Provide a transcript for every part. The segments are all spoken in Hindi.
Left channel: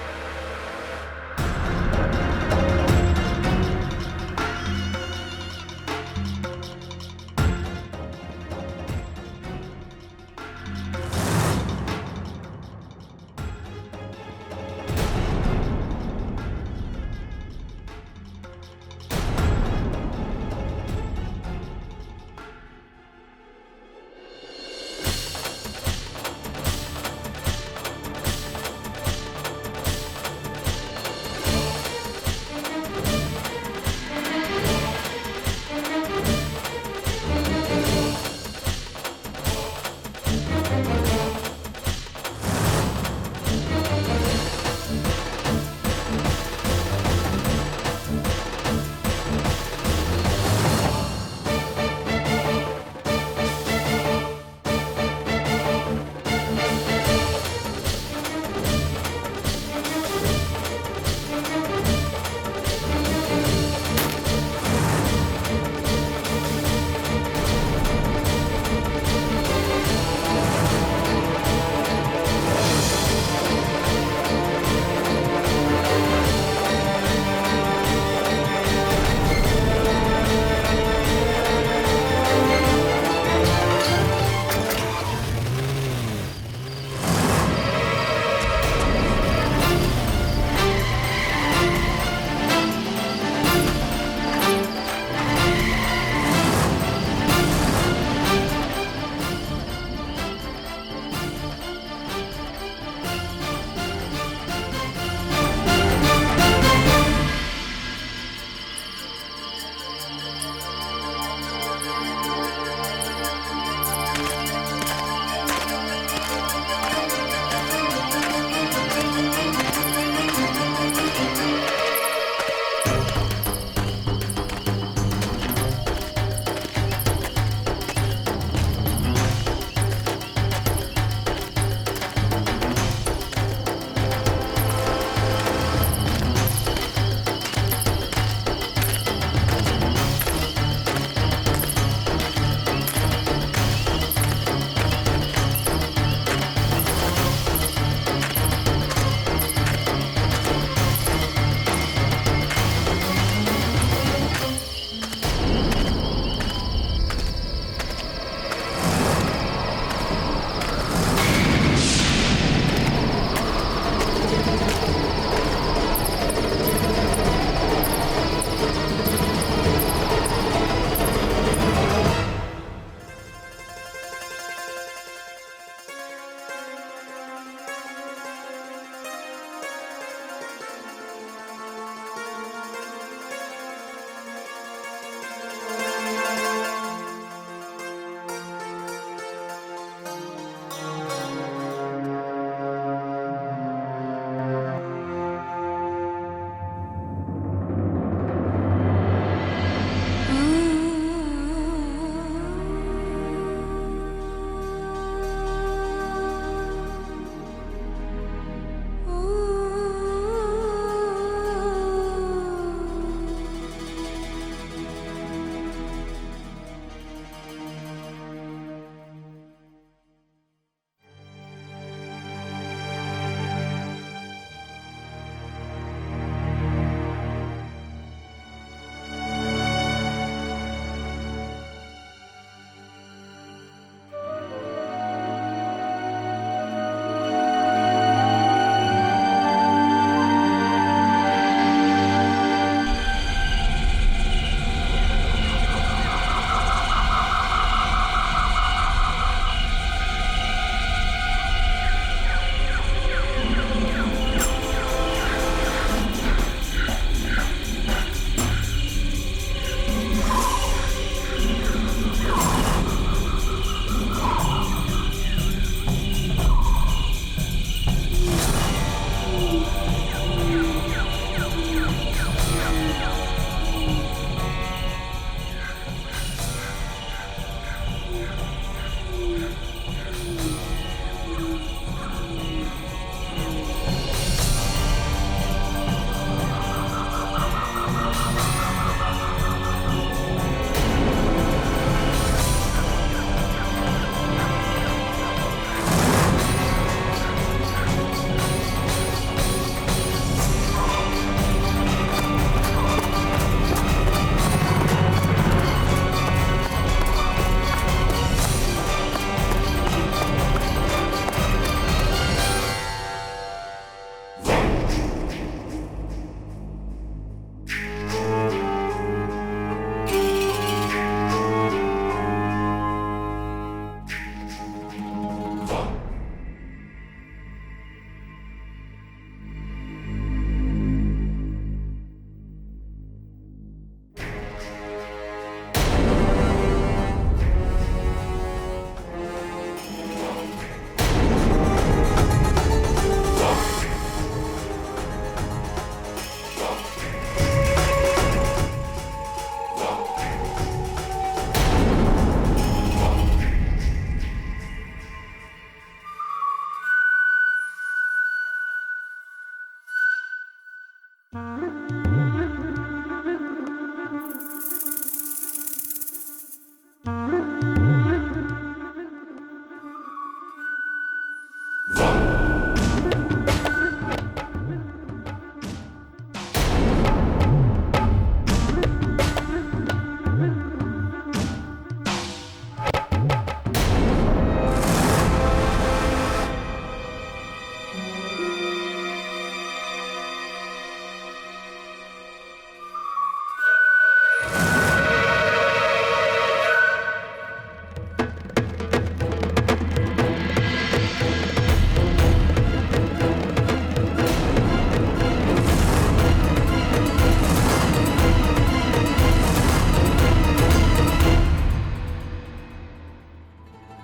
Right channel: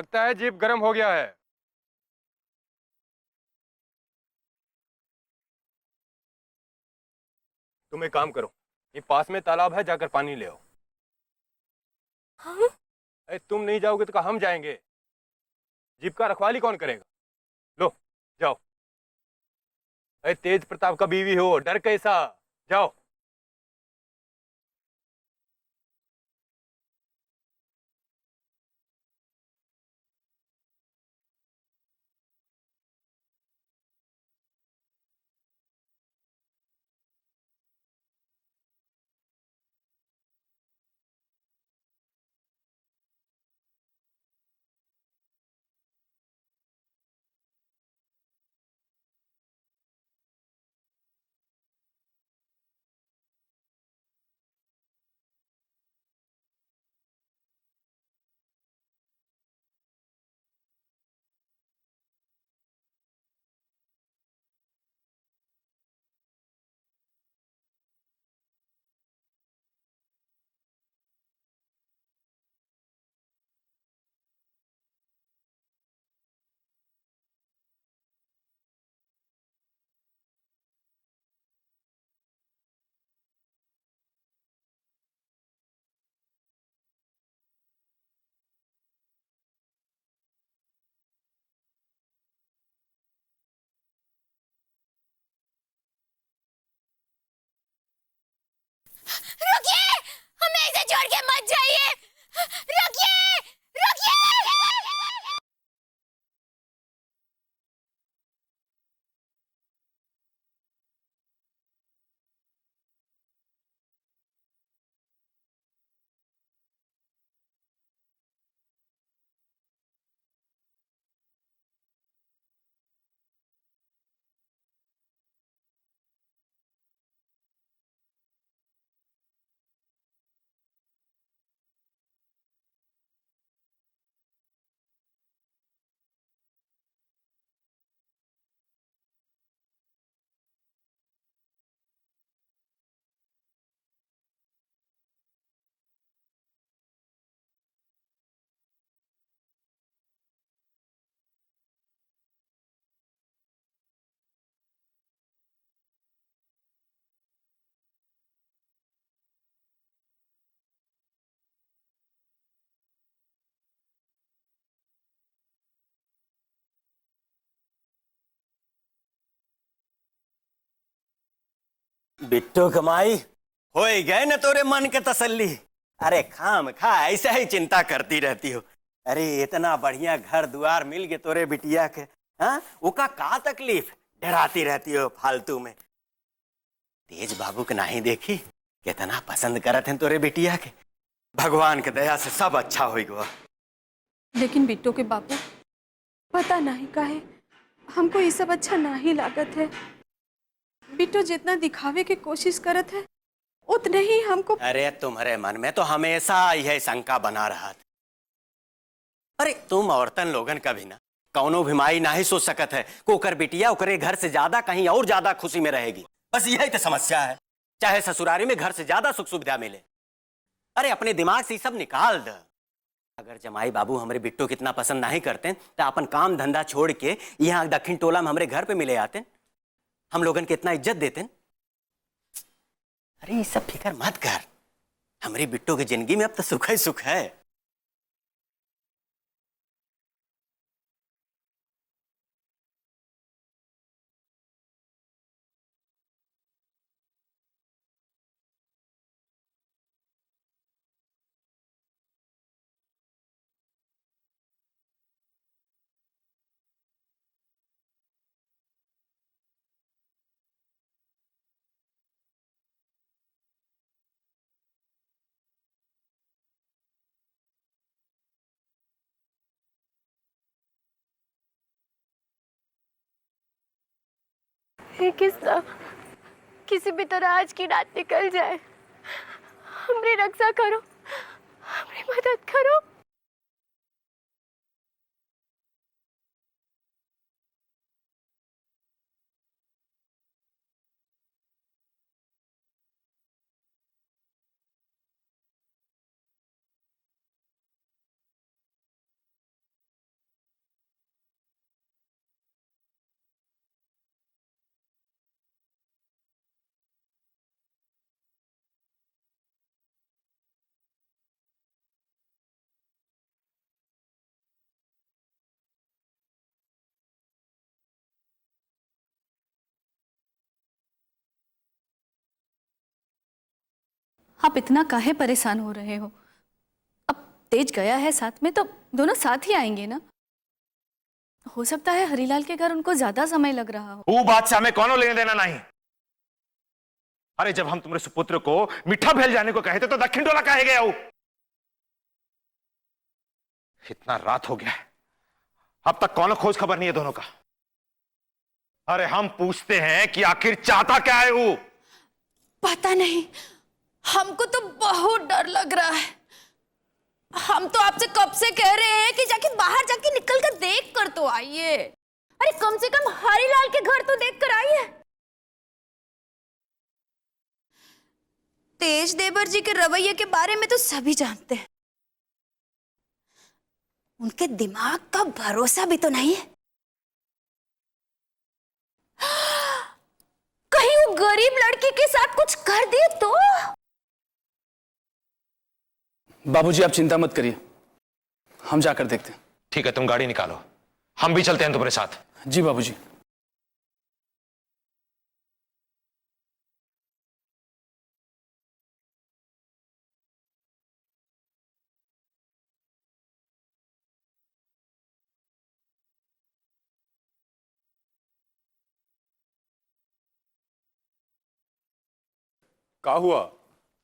लगता है जीप गर्म हो गया है। तुम एक काम करो, ये पास में तालाब है, जाकर पानी ले आओ। तुम नहीं जाओगे तो हम जाएंगे। जीप का रखवाली कौन करेगा? लो जाओ। तेज प्रताप का बीवी हो, डर कैसा? जाओ। बिट्टू कमाई हो गए न तोरे मन के तसल्ली। अरे खाम खा ऐसा ही चिंता करती रहती हो। अरे इतना बढ़िया घर द्वार मिल गए तोरे बिटिया के, हाँ उका का तकलीफ डराती रहती हो फालतू में। तेज बाबू के नहीं देखी इतना पसंद करत हैं तोरे बिटिया के। भगवान के दया से सब अच्छा हो गया। लेकिन बिट्टू के पापा पता नहीं काहे हमको ये सब अच्छा नहीं लागत है। बिट्टू जितना दिखावे की कोशिश करत है उतने ही हमको। अरे तुम्हारे मन में तो हमेशा यह शंका बना रहा। अरे तुम औरतन लोगन कभी ना कौनो भी माई नहीं सोच सकत है ओकर बिटिया ओकरे घर से ज्यादा कहीं और ज्यादा खुशी में रहेगी। बस यही तो समस्या है, चाहे ससुरारी में घर से ज्यादा सुख सुविधा मिले। अरे अपने दिमाग से सब निकाल दो। माई बाबू हमारे बिट्टू कितना पसंद नहीं करते तो अपन काम धंधा छोड़ के यहाँ दक्षिण टोला में हमारे घर पे मिले आते, हम लोगन के इतना इज्जत देते। अरे ये सब फिक्र मत कर, हमारी बिट्टू की जिंदगी में अब तो सुख ही सुख है। किसी भी तरह आज की रात निकल जाए। मेरी रक्षा करो, मेरी मदद करो। आप इतना काहे परेशान हो रहे हो? अब तेज गया है साथ में तो दोनों साथ ही आएंगे ना। हो सकता है हरीलाल के घर उनको ज्यादा समय लग रहा हो। वो बात से हमें कोनो लेने देना नहीं। अरे जब हम तुम्हारे सुपुत्र को मीठा भेल जाने को कहे थे तो दक्षिण टोला कहे गया वो। रात हो गया, अब तक कौन खोज खबर नहीं है दोनों का। अरे हम पूछते हैं कि आखिर चाहता क्या है वो? पता नहीं, हमको तो बहुत डर लग रहा है। हम तो आपसे कब से कह रहे हैं कि जाके बाहर जाके निकल कर देख कर तो आइए। अरे कम से कम हरीलाल के घर तो देख कर आइए। तेज देवर जी के रवैये के बारे में तो सभी जानते हैं। उनके दिमाग का भरोसा भी तो नहीं है। कहीं वो गरीब लड़की के साथ कुछ कर दिए तो? बाबूजी आप चिंता मत करिए, हम जाकर देखते हैं। ठीक है, तुम गाड़ी निकालो, हम भी चलते हैं तुम्हारे साथ। जी बाबूजी। क्या हुआ?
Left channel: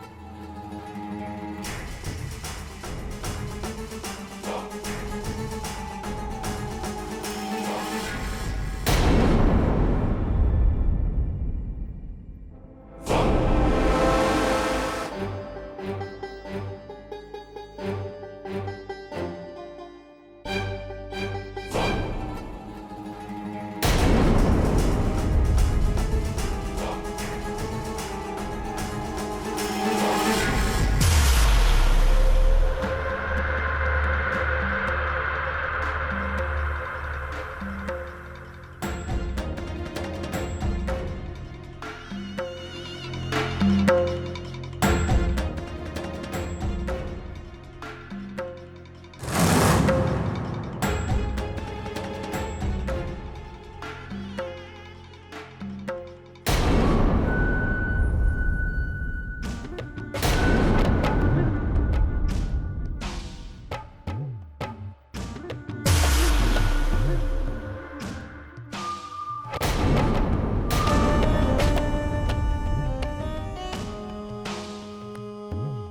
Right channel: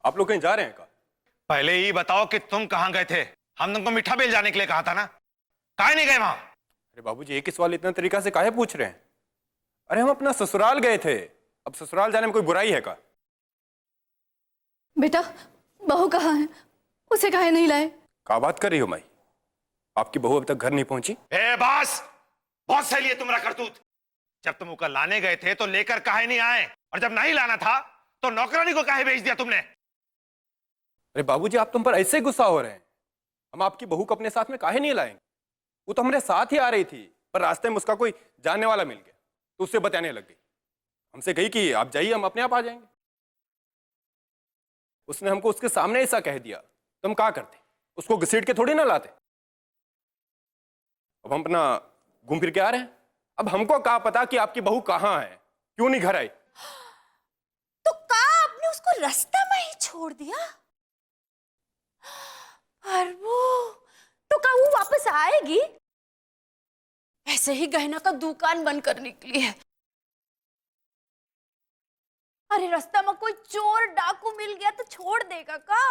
आप लोग कहीं जा रहे हैं? पहले ही बताओ कि तुम कहाँ गए थे। हम तुमको मीठा बेल जाने के लिए कहा था ना, काहे नहीं गए वहां? बाबू ये किस वाले इतना तरीका से काहे पूछ रहे हैं? अरे हम अपना ससुराल गए थे। अब ससुराल जाने में कोई बुराई है का? बेटा बहू कहाँ है? उसे काहे नहीं लाए? क्या बात कर रही हो माई? आपकी बहू अभी तक घर नहीं पहुंची? बस बहुत सही है तुम्हारा करतूत। जब बहू को लाने गए थे तो लेकर काहे नहीं आए, और जब नहीं लाना था तो नौकरानी को काहे भेज दिया तुमने? बाबूजी आप तुम पर ऐसे गुस्सा हो रहे हैं। हम आपकी बहू को अपने साथ में काहे नहीं लाए? वो तो हमारे साथ ही आ रही थी, पर रास्ते में उसका कोई जानने वाला मिला तो उससे बताने लगे। उसे कही कि आप जाइए, हम अपने आप आ जाएंगे। उसने हमको उसके सामने ऐसा कह दिया, तुम क्या करते? उसको घसीट के थोड़ी ना लाते। हम अपना घूम फिर के आ रहे हैं। अब हमको क्या पता कि आपकी बहू कहाँ है, क्यों नहीं घर आई? तो कहा आपने उसको रास्ते में ही छोड़ दिया? तो क्या वो वापस आएगी? ऐसे ही गहना का दुकान बंद कर निकली है। अरे रास्ता में कोई चोर डाकू मिल गया तो छोड़ देगा का?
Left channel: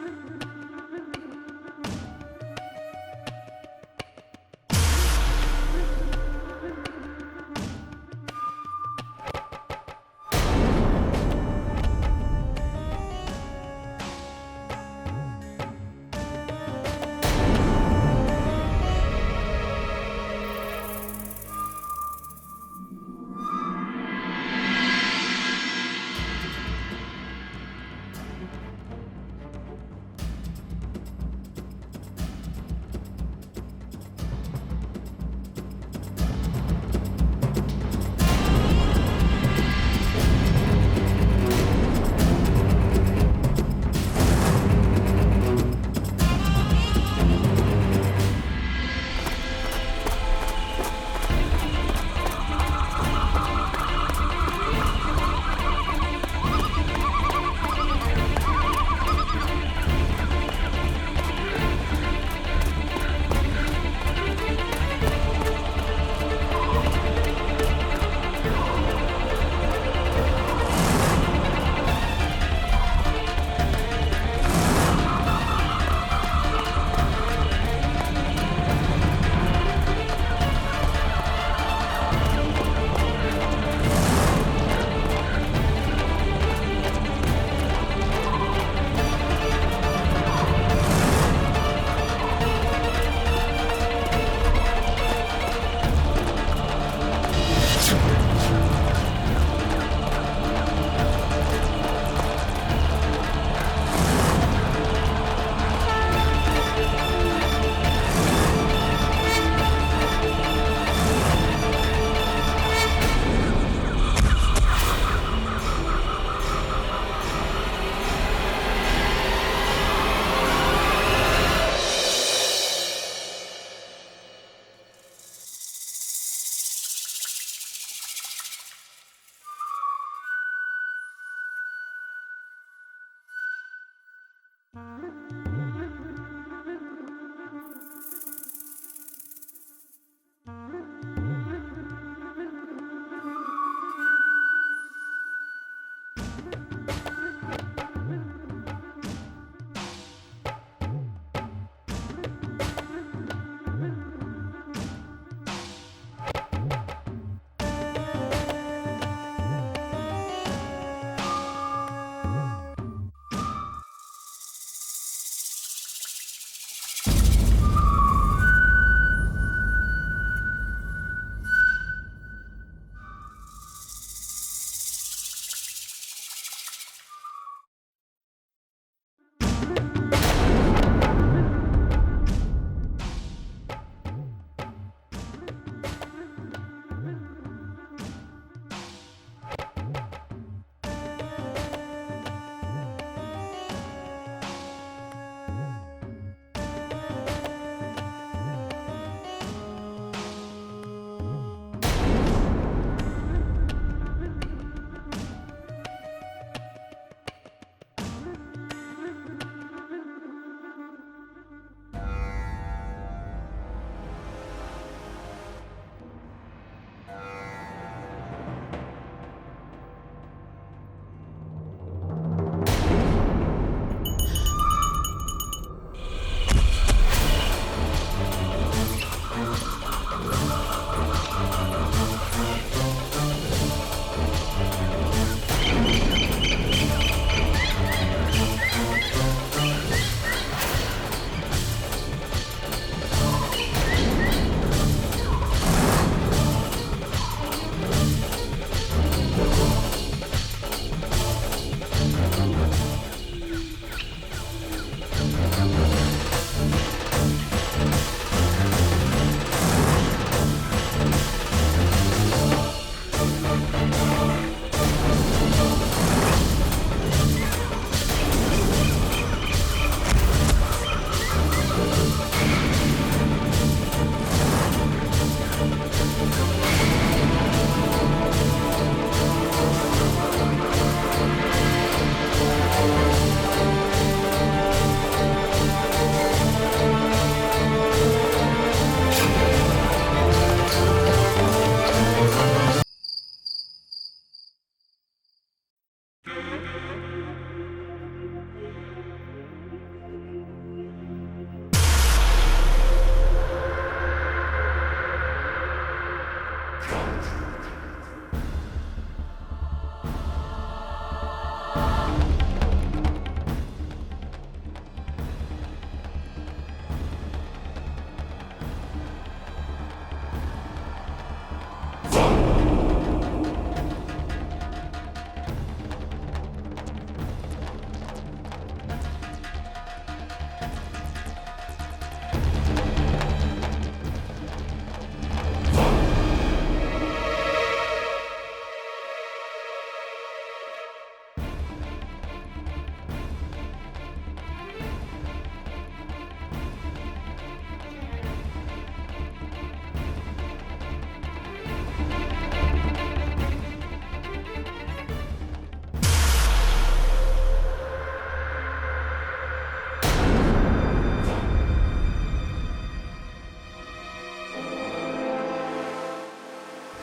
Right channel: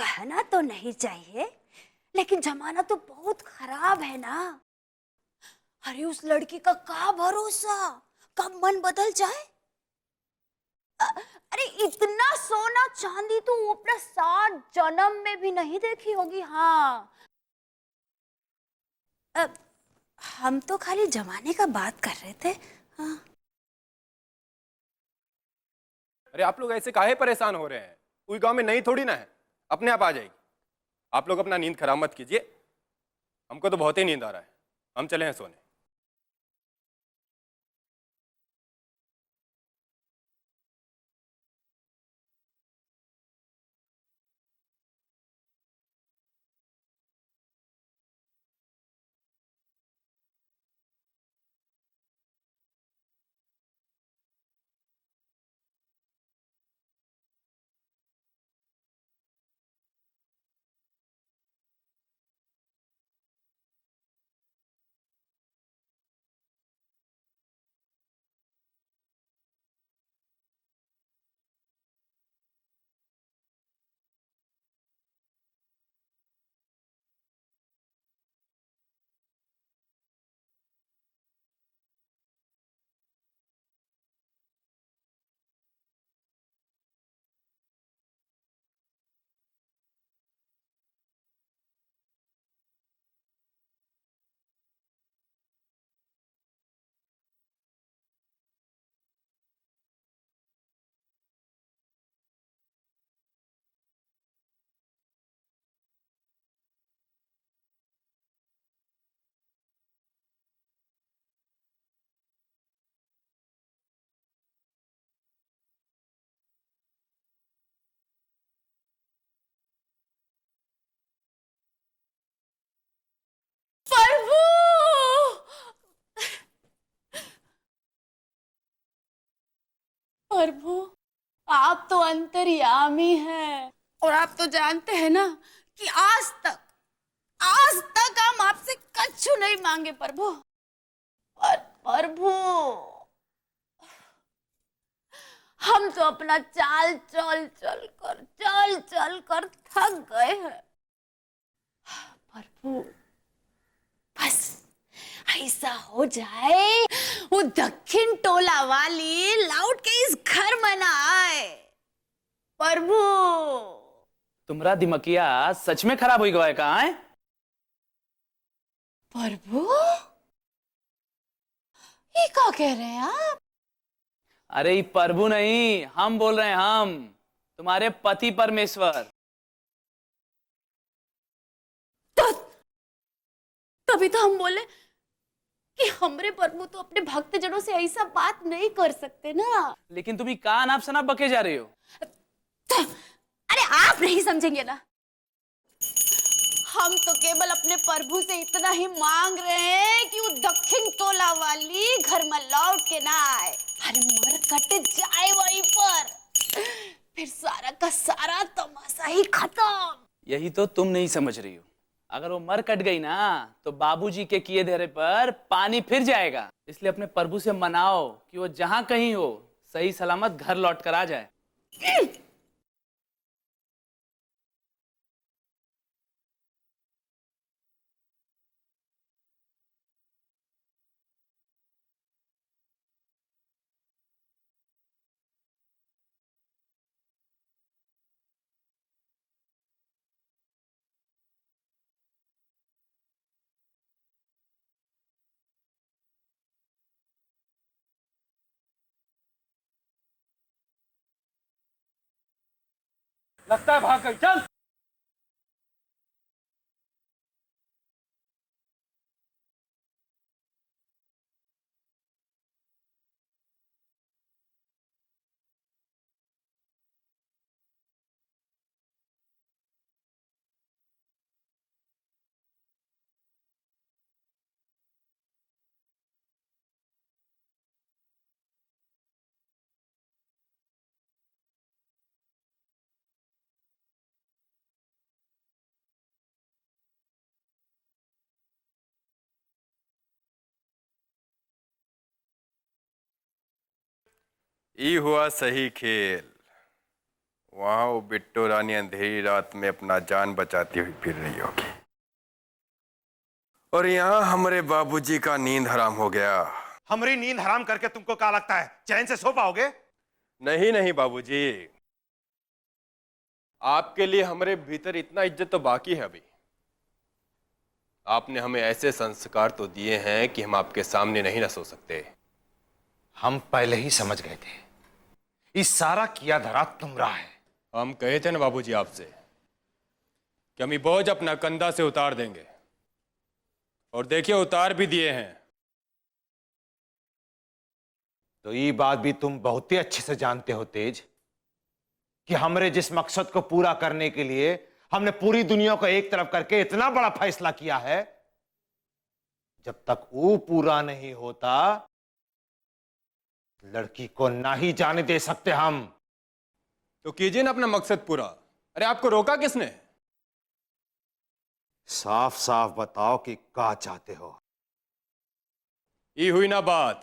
गहना तो नहीं चाहिए, लेकिन जमाना तो बहुत खराब है ना। अरे उस लड़की का क्या भरोसा, कब मन बदल जाए। अरे इतना सोना चांदी तो वो अपना 7 जन्म में भी नहीं देखी होगी। हाँ हम तो खाली जमाने का बात कर रहे थे। आप लोग ऐसे काहे परेशान हो रहे हैं? कोई गांव में नहीं थोड़ी ना है, अपने आप आ जाएगी। आप लोग अपना नींद खराब मत कीजिए, हमको तो बहुत ही नींद आ रहा है। हम चले हैं सोने। आप तो अंतर्यामी हैं और आप तो जानते हैं ना कि आज तक हम आपसे कछु नहीं मांगे प्रभु। और प्रभु हम तो अपना चाल चल कर थक गए हैं। बस ऐसा हो जाए वो दक्षिण टोला वाली लौट के इस घर में ना आए। प्रभु तुम्हारा दिमकिया सच में खराब हो गया कहाँ है? प्रभु ये क्या कह रहे हैं आप? अरे ये प्रभु नहीं, हम बोल रहे हैं, हम तुम्हारे पति परमेश्वर। तभी तो हम बोले कि हमरे प्रभु तो अपने भक्त जनों से ऐसा बात नहीं कर सकते ना। लेकिन तुम कान आप सना बके जा रहे हो। अरे आप नहीं समझेंगे ना, हम तो केवल अपने प्रभु से इतना ही मांग रहे हैं कि वो दक्षिण टोला वाली घर में लौट के ना आए, कट जाए वहीं पर, फिर सारा का सारा तमाशा ही खत्म। यही तो तुम नहीं समझ रही हो। अगर वो मर कट गई ना तो बाबूजी के किए धरे पर पानी फिर जाएगा। इसलिए अपने प्रभु से मनाओ कि वो जहां कहीं हो सही सलामत घर लौट कर आ जाए। लगता है भाग गई, चल। हुआ सही खेल। वहां वो बिट्टू रानी अंधेरी रात में अपना जान बचाती हुई फिर रही होगी, और यहाँ हमारे बाबूजी का नींद हराम हो गया। हमारी नींद हराम करके तुमको क्या लगता है चैन से सो पाओगे? नहीं नहीं बाबूजी, आपके लिए हमारे भीतर इतना इज्जत तो बाकी है अभी। आपने हमें ऐसे संस्कार तो दिए हैं कि हम आपके सामने नहीं ना सो सकते। हम पहले ही समझ गए थे कि सारा किया धरा तुम्हारा है। हम कहे थे ना बाबूजी आपसे कि हम ये बोझ अपना कंधा से उतार दें, और देखिए उतार भी दिए हैं। तो ये बात भी तुम बहुत ही अच्छे से जानते हो तेज, कि हमरे जिस मकसद को पूरा करने के लिए हमने पूरी दुनिया को एक तरफ करके इतना बड़ा फैसला किया है, जब तक वो पूरा नहीं होता लड़की को ना ही जाने दे सकते हम। तो कीजिए ना अपना मकसद पूरा। अरे आपको रोका किसने? साफ साफ बताओ कि क्या चाहते हो। ये हुई ना बात।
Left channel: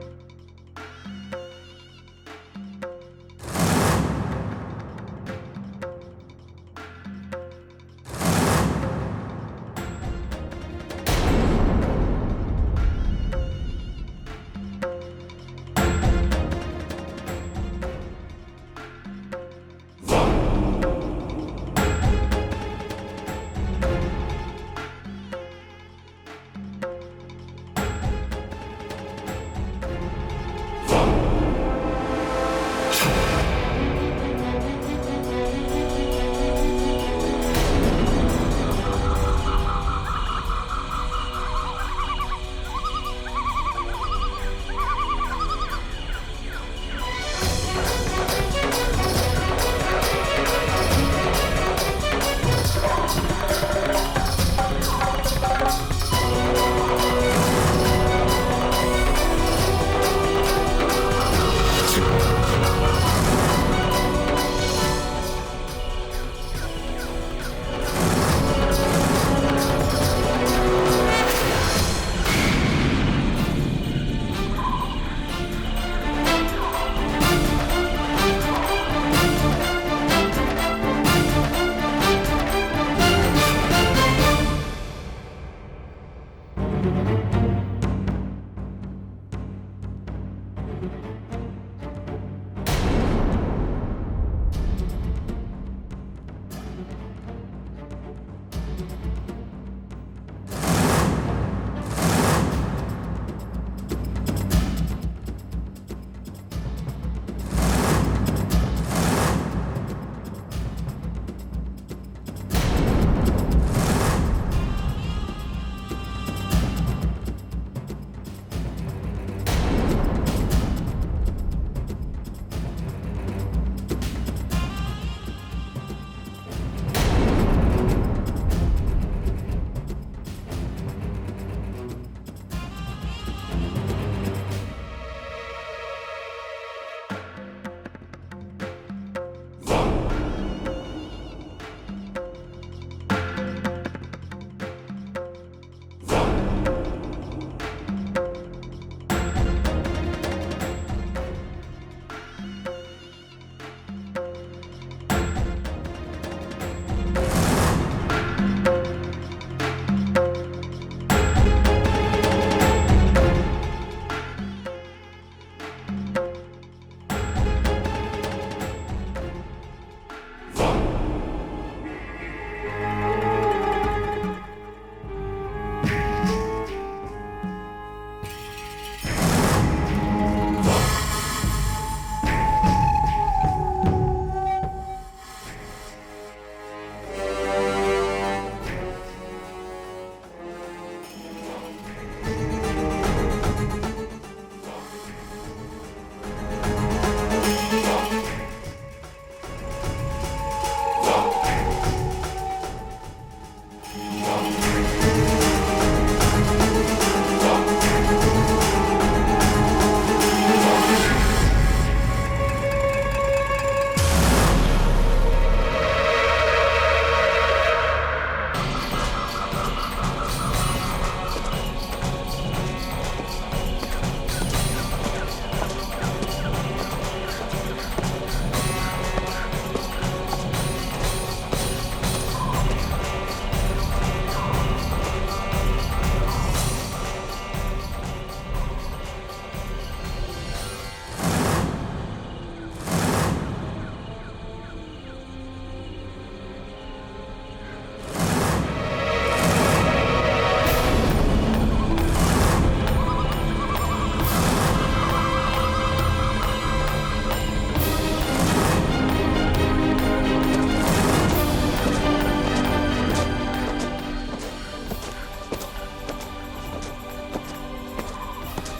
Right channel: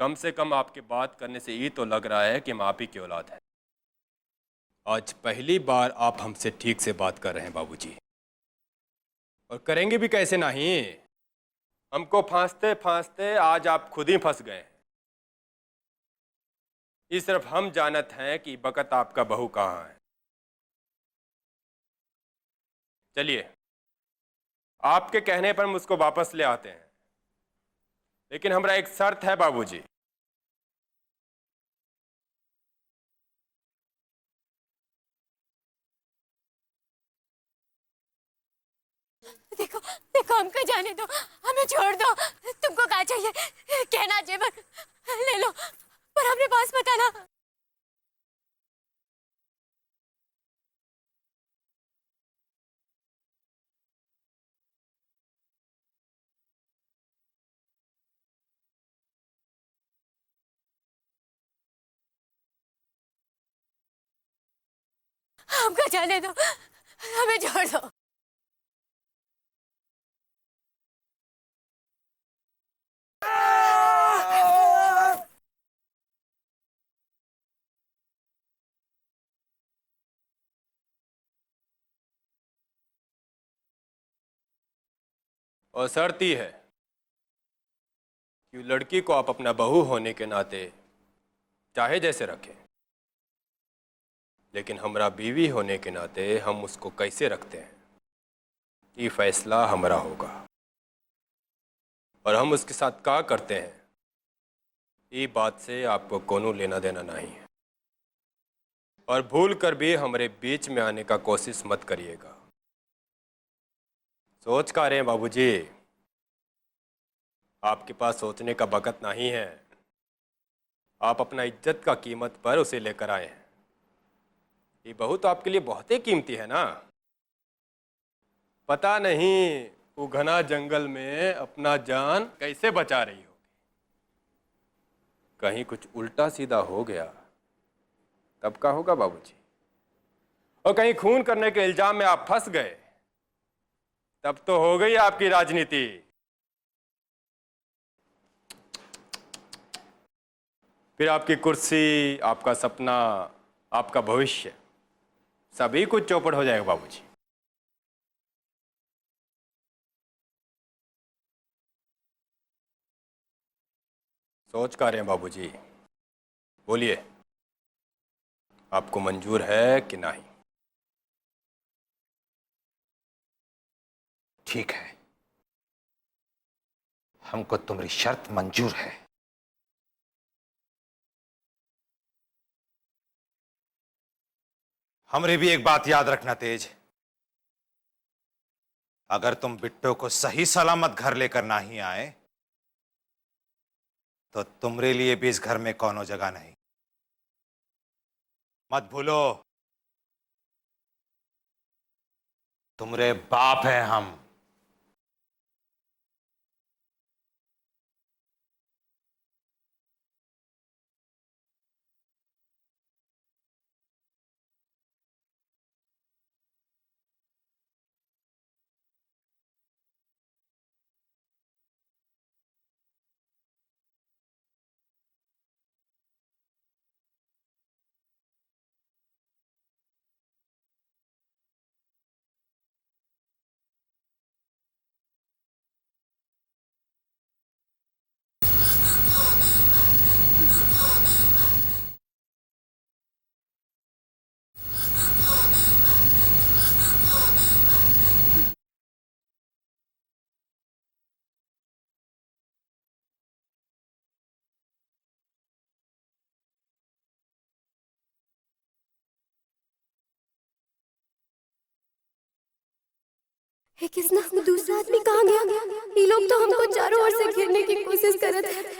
कम से कम आपकी बात करने से ये तो लग रहा है कि हम आप ही की औलाद हैं। आज पहली बार आप हमसे ठीक से बात कर रहे हैं बाबूजी, और करेंगे भी कैसे नहीं। हमको फांसते फांसते आज आप खुद ही फंस गए। इस तरफ हम जानत हैं कि वक्त आपका बहू कहाँ है। चलिए, आपके कहने पर हम उसको वापस ले आते हैं, लेकिन हमारा एक शर्त है बाबूजी। देखो हमको जाने दो, हमें छोड़ दो। तुमको क्या चाहिए? कहना चाहिए ले लो, पर अपने पास बताना। शर्त ही है कि लड़की को आप अपना बहू होने के नाते चाहे जैसे रखें, लेकिन हमारा बीवी होने के नाते हम उसको कैसे रखते हैं ये फैसला हमारा होगा। और हम उसके साथ क्या करते हैं ये बात से आपको कोनो लेना देना नहीं है। और भूल कर भी हमारे बीच में आने का कोशिश मत करिएगा। सोच का रहे हैं बाबूजी, आपके पास सोचने का वक्त नहीं है। आप अपना इज्जत का कीमत पर उसे लेकर आए हैं। ये बहू तो आपके लिए बहुत ही कीमती है ना। पता नहीं वो घना जंगल में अपना जान कैसे बचा रहे, कहीं कुछ उल्टा सीधा हो गया तब क्या होगा बाबूजी? और कहीं खून करने के इल्जाम में आप फंस गए तब तो हो गई आपकी राजनीति। फिर आपकी कुर्सी, आपका सपना, आपका भविष्य सभी कुछ चौपट हो जाएगा बाबूजी। सोच का रहे हैं बाबूजी, बोलिए आपको मंजूर है कि नहीं? ठीक है, हमको तुम्हारी शर्त मंजूर है। हमरे भी एक बात याद रखना तेज, अगर तुम बिट्टो को सही सलामत घर लेकर नहीं आए तो तुम्हारे लिए भी इस घर में कोनो जगह नहीं। मत भूलो तुम्हारे बाप है हम। दूसरा आदमी कहाँ गया? ये लोग तो हमको चारों ओर से घेरने की कोशिश कर रहे थे।